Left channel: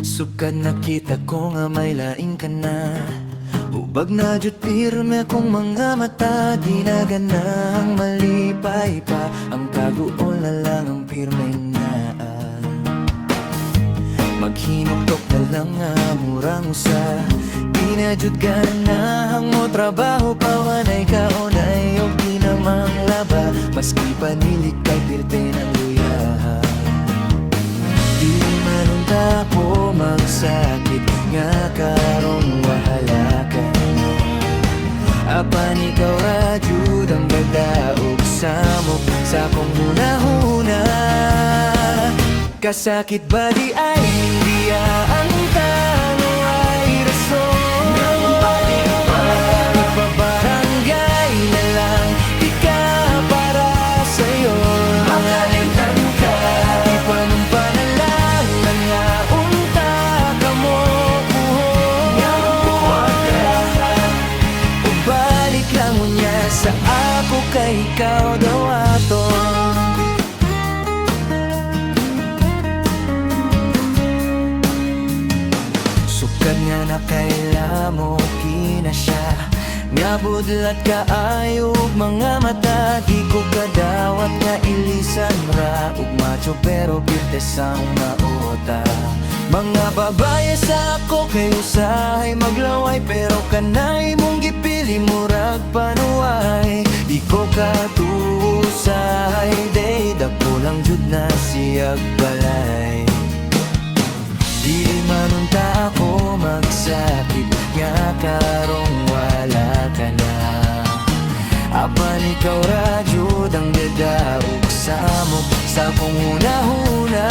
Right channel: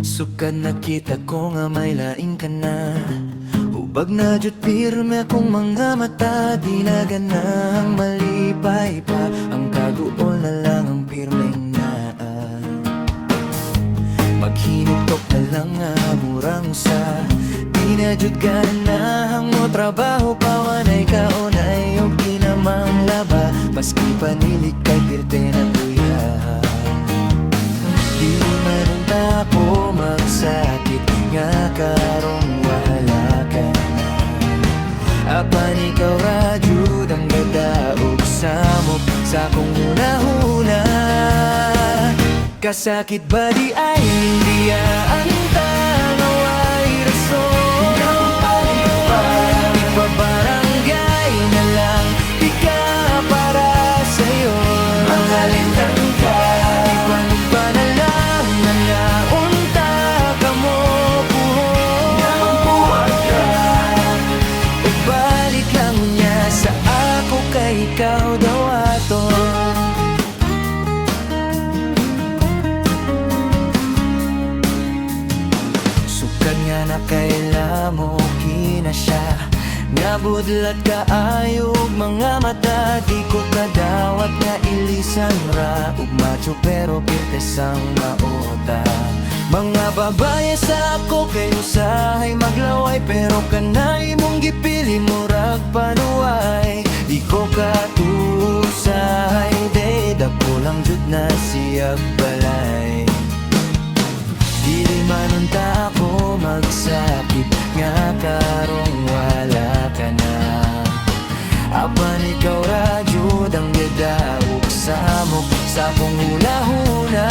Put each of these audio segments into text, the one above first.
Sukad nakita ko nga may laing ka na. Ubag na jud pirme akong mga mata. Di na ganang malipay pa. Ang kaguol na lang ang pirmeng naa. Maghinuktok na lang nga murang usa. Di na jud ganang mo trabaho pa. Wanay kaunay o di namang laba. Maski panilig kay pirte ng luya. Di manunta ko magsakit nga karong wala ka na. Apan ikaw ra jud ang gadaog samok sa kong hunahuna. Kasakit ba di ay nindiyaan tangaway rason. Ipabarangay na lang di ka para sa'yo. Mahalintang ka ipanumpa na lang nga unta ka mo puhon. Nga magbuhat ka o balik lang unya sa ako kay ikaw daw aton. Sukad nga nakaila mo kina siya. Nga budlat ka ayog mga mata. Di ko kadawat nga ilisan ra. Ug macho pero pirtes ang maota. Mga babae sa ako kay usahay maglaway. Pero kanay mong gipili murag panuway. Di ko katusahay day. Dako lang jud na siyag balay. Dili manunta ako magsakit nga karong wala ka na. Apan ikaw ra jud ang gadaog samok sa kong hunahuna.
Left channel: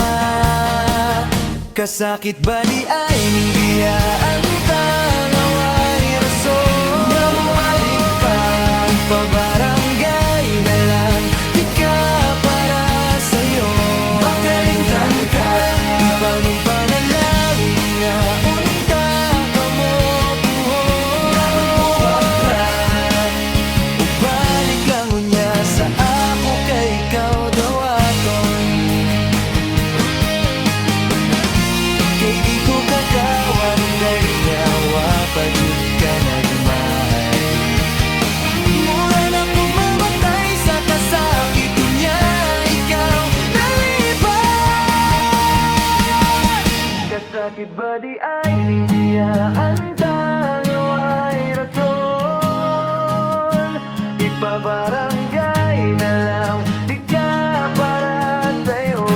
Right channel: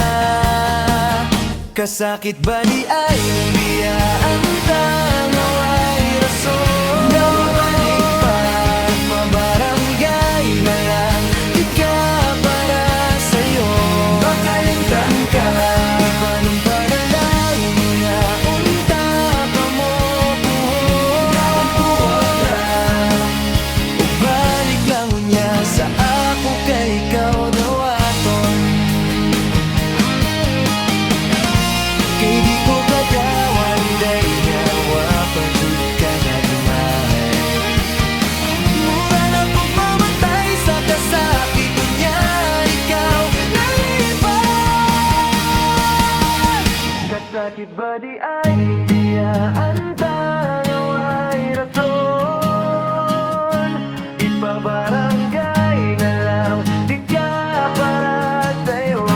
Kasakit ba di ay ning biyaan tangaway rason. Nga bumalik pa ipabarangay na lang di ka para sa'yo. Makalingtan ka ipanumpa na lang nga unta ka mo buhon. Nga magbuhat na o balik lang unya sa ako kay ikaw daw aton. Kay di ko kadawat day nyawa pa jud ka nagmahay. Mura na kong mamatay sa kasakit unya ikaw nalipad. Kasakit ba di ay hindiyaan tangaway rason. Ipabarangay na lang di ka para sa'yo.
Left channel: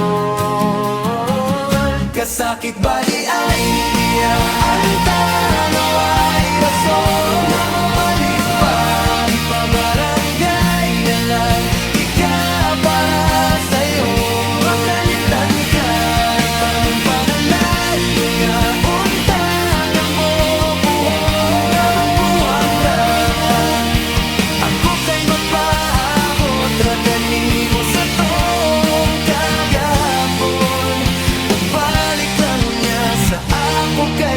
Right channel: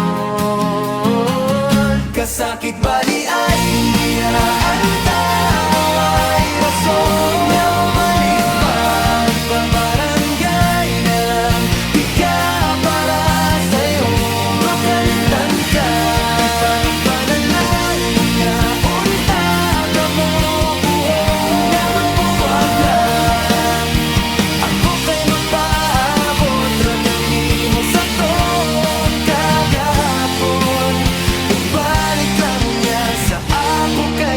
Kasakit ba di ay hindiyaan tangaway rason. Nga bumalik pa ipabarangay na lang di ka para sa'yo. Makalimtan ka ipanumpa na lang nga unta ka mo buhon. Nga magbuwag lang ako kay magpaabot ra kanimo sa tong kagahapon. Balik lang unya sa ako kay